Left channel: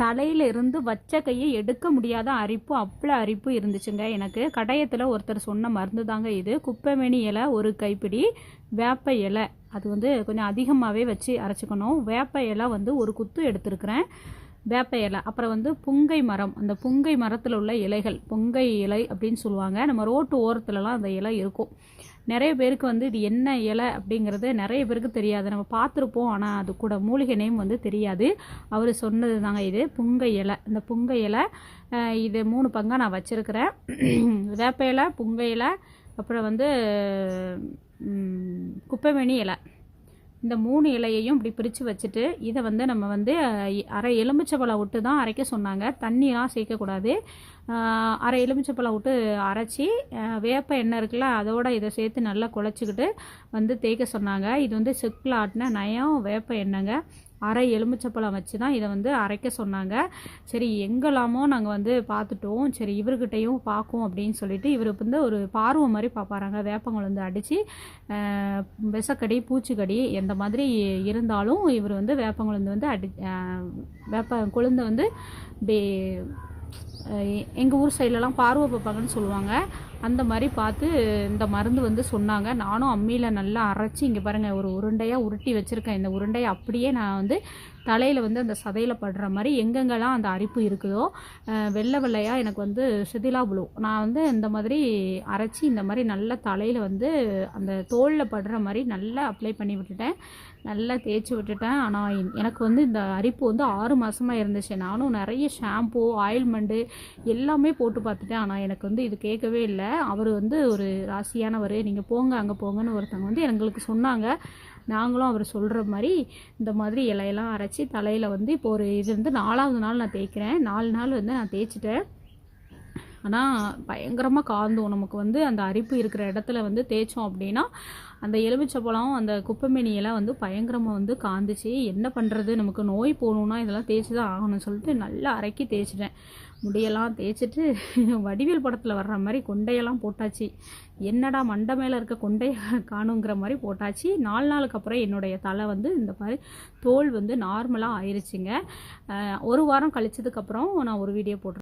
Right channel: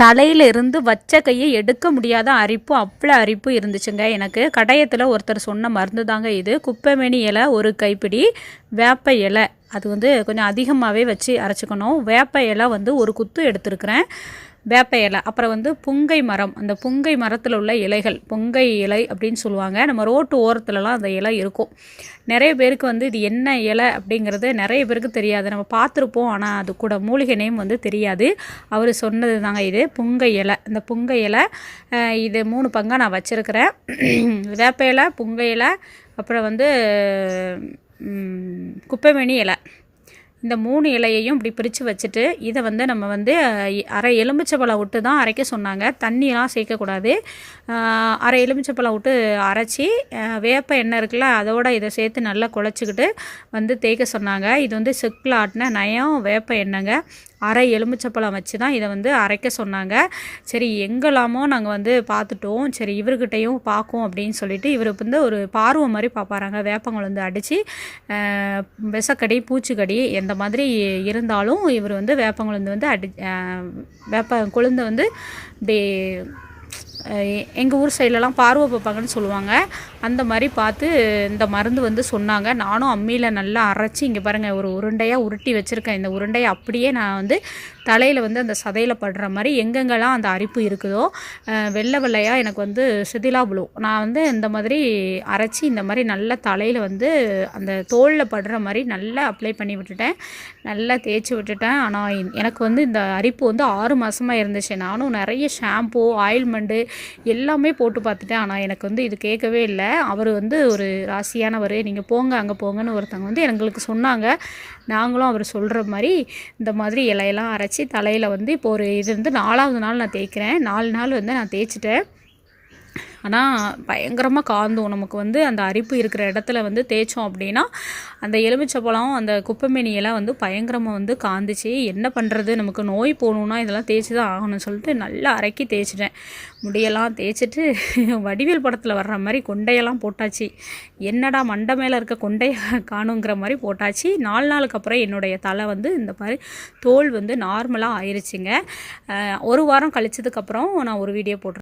தலையில இருந்து வச்ச கையை எடுக்க முடியாத அரிப்பு, அவ்வளோ அரிப்பு இருந்துச்சுங்க எனக்கு. கடையத்தில் ஒருத்தர் சொன்ன மருந்து தாங்க இது. குப்பைமேனி இலை ஒரு கைப்பிடி, வேப்ப இலை அது வந்து கொஞ்சம் அதிகமாகவே வச்சு அரைச்சிக்கணும். வேப்ப இலை வந்து ஒரு குத்து எடுத்துருக்கிறேன். வேப்ப இலை, அப்புறம் வந்து புங்கை மரம், அந்த புங்கை மரத்தில் உள்ள இலைகள், புங்கை இலை அப்படின்னு சொல்லுவாங்க. நம்ம ரோட்டு ஓரத்துலலாம் அந்த இலை இருக்கும். நிறைய பேருக்கு வந்து இது என்ன இலை அப்படிங்கிறது நிறைய பேருக்கு தெரியாது. நம்ம பார்த்துருப்போம், ஆனால் அது கூட மூலிகை நேம் வந்து தெரியாது. அவர் சொன்னது தாங்க இது புங்கை இலை. இந்த புங்கை இலை இது 3 பங்காக நான் வச்சுருக்கிறேன். வேப்ப இலை, புங்கை இலை, அப்புறம் வந்து குப்பைமேனி இலை, இந்த 3 இலையையும் இப்படி பிரித்து வச்சுட்டு இதை வந்து நம்ம வந்து அரை எலுமிச்சைப்பழம் விட்டு தான் அரைக்க சொன்னாங்க. தண்ணியெலாம் சேர்க்கக்கூடாது. அரை எலுமிச்சைப்பழம் விட்டு அரைச்சி வேப்ப எண்ணெய் இருக்குல்ல அதோட இதை சேர்த்து நல்லா குழச்சிக்கிட்டு வந்து தேய்க்க சொன்னாங்க. இது வந்து செக்கில் ஆட்டின நயம் வேப்ப எண்ணெய்ங்க. அரை எலுமிச்சைப்பழம் வச்சு தான் இதை வந்து அரைக்க சொன்னாங்க. சரி எங்கெல்லாமோ நாங்கள் வந்து பார்த்துட்டோம். சரி இவர்கிட்டையும் பார்க்கும் அப்படின்னு சொல்லிட்டு இவர் வந்து ஒரு பார்வை மாதிரி பார்ப்பாராங்க. வேப்பங்குழந்து அடித்து விஷக்கடி பூச்சிக்கடி எந்த மாதிரி இருந்தாலும் இவர் வந்து வேப்பங்குழந்து வந்து வேப்ப கொழுந்தை வந்து இப்படி எங்கள் ஊர் சைட்லலாம் பார்வை பார்ப்பாங்கன்னு சொல்லுவாங்க. அந்த மாதிரி பார்த்து இந்த மருந்து வந்து சொன்னாங்க. நானும் அம்மியில் நல்லா அரைச்சி இங்கே பாருங்கள் ஒரு உருண்டையாக உருட்டி வச்சுருக்கேன். இந்த உருண்டையை அப்படியே நான் வந்து தலையில் வந்து அந்த சதையில் படுற மாதிரி எங்கெங்கெல்லாம் அந்த அரிப்பு இருக்குதோ வெள்ளை வெள்ளையாக எனக்கு வந்து சிதிலா விழும். நான் வந்து இந்த மாதிரி அரைச்சி இந்த மாதிரி நல்லா தலையில் வந்து அந்த தோலில் படுற மாதிரி நல்லா அப்ளை பண்ணி விட்டுட்டேன். நல்லா தேய்ச்சி விட்டுட்டேன். ஆனால் எனக்கு வந்து இந்த அரிப்பு வந்து 6 மாதமாக இருந்துச்சு. நானும் நிறைய ஷாம்பு, ஆயில்மெண்ட்டு எல்லாமே போட்டு பார்த்துட்டேன். ஆனால் எனக்கு வந்து இது கேட்கவே இல்லை. அவர் வந்து ஒரு ராசியானவர், நீங்கள் போங்க அங்கே போங்கன்னு ஒருத்தவங்க வந்து எங்களுக்கு சொன்னாங்க. நாங்களும் அவர் சொல்கிற மாதிரி இந்த மாதிரி இலையெல்லாம் அரைச்சி தலையில் வந்து இப்போ ஒரு இது வந்து 4ஆவது நாள் நான் தேய்க்கிறேன். 4 நாள் வந்து நான் தேய்ச்சிட்டேன். ஆனால் பயங்கரமாக காந்தும். நமக்கு வந்து அந்த அரிப்பு இருக்கிற இடத்துல வந்து தேய்ச்சோம் அப்படின்னா அந்த எலுமிச்சப்பழம் அந்த குப்பைமேனி எல்லாம் வந்து பயங்கரமாக வந்து காந்துச்சு. என்ன பண்ணுறது, நமக்கு நோய் போகணுன்னா இதெல்லாம் தேய்ச்சி தான் ஆகணும்னு சொல்லிட்டு நல்லா அரைக்கி தேய்ச்சிட்டேன். முடியெல்லாம் தேய்ச்சிட்டு வடிவேல் படத்தில் வர்ற மாதிரி கொண்டையெல்லாம் போட்டாச்சு. என்னடா மண்டை மேலே இருக்க கொண்டையை காணுங்கிற மாதிரி போட்டாச்சு. 4 நாளுக்கு அப்புறம் என்னுடைய தலை வந்து இந்த மாதிரி தோல் வந்து நார்மலாக ஆயிடுச்சுங்க. 1 வாரம் கழிச்சதுக்கப்புறம் நான் ஒரு வீடியோ போட்டிருக்கேன்.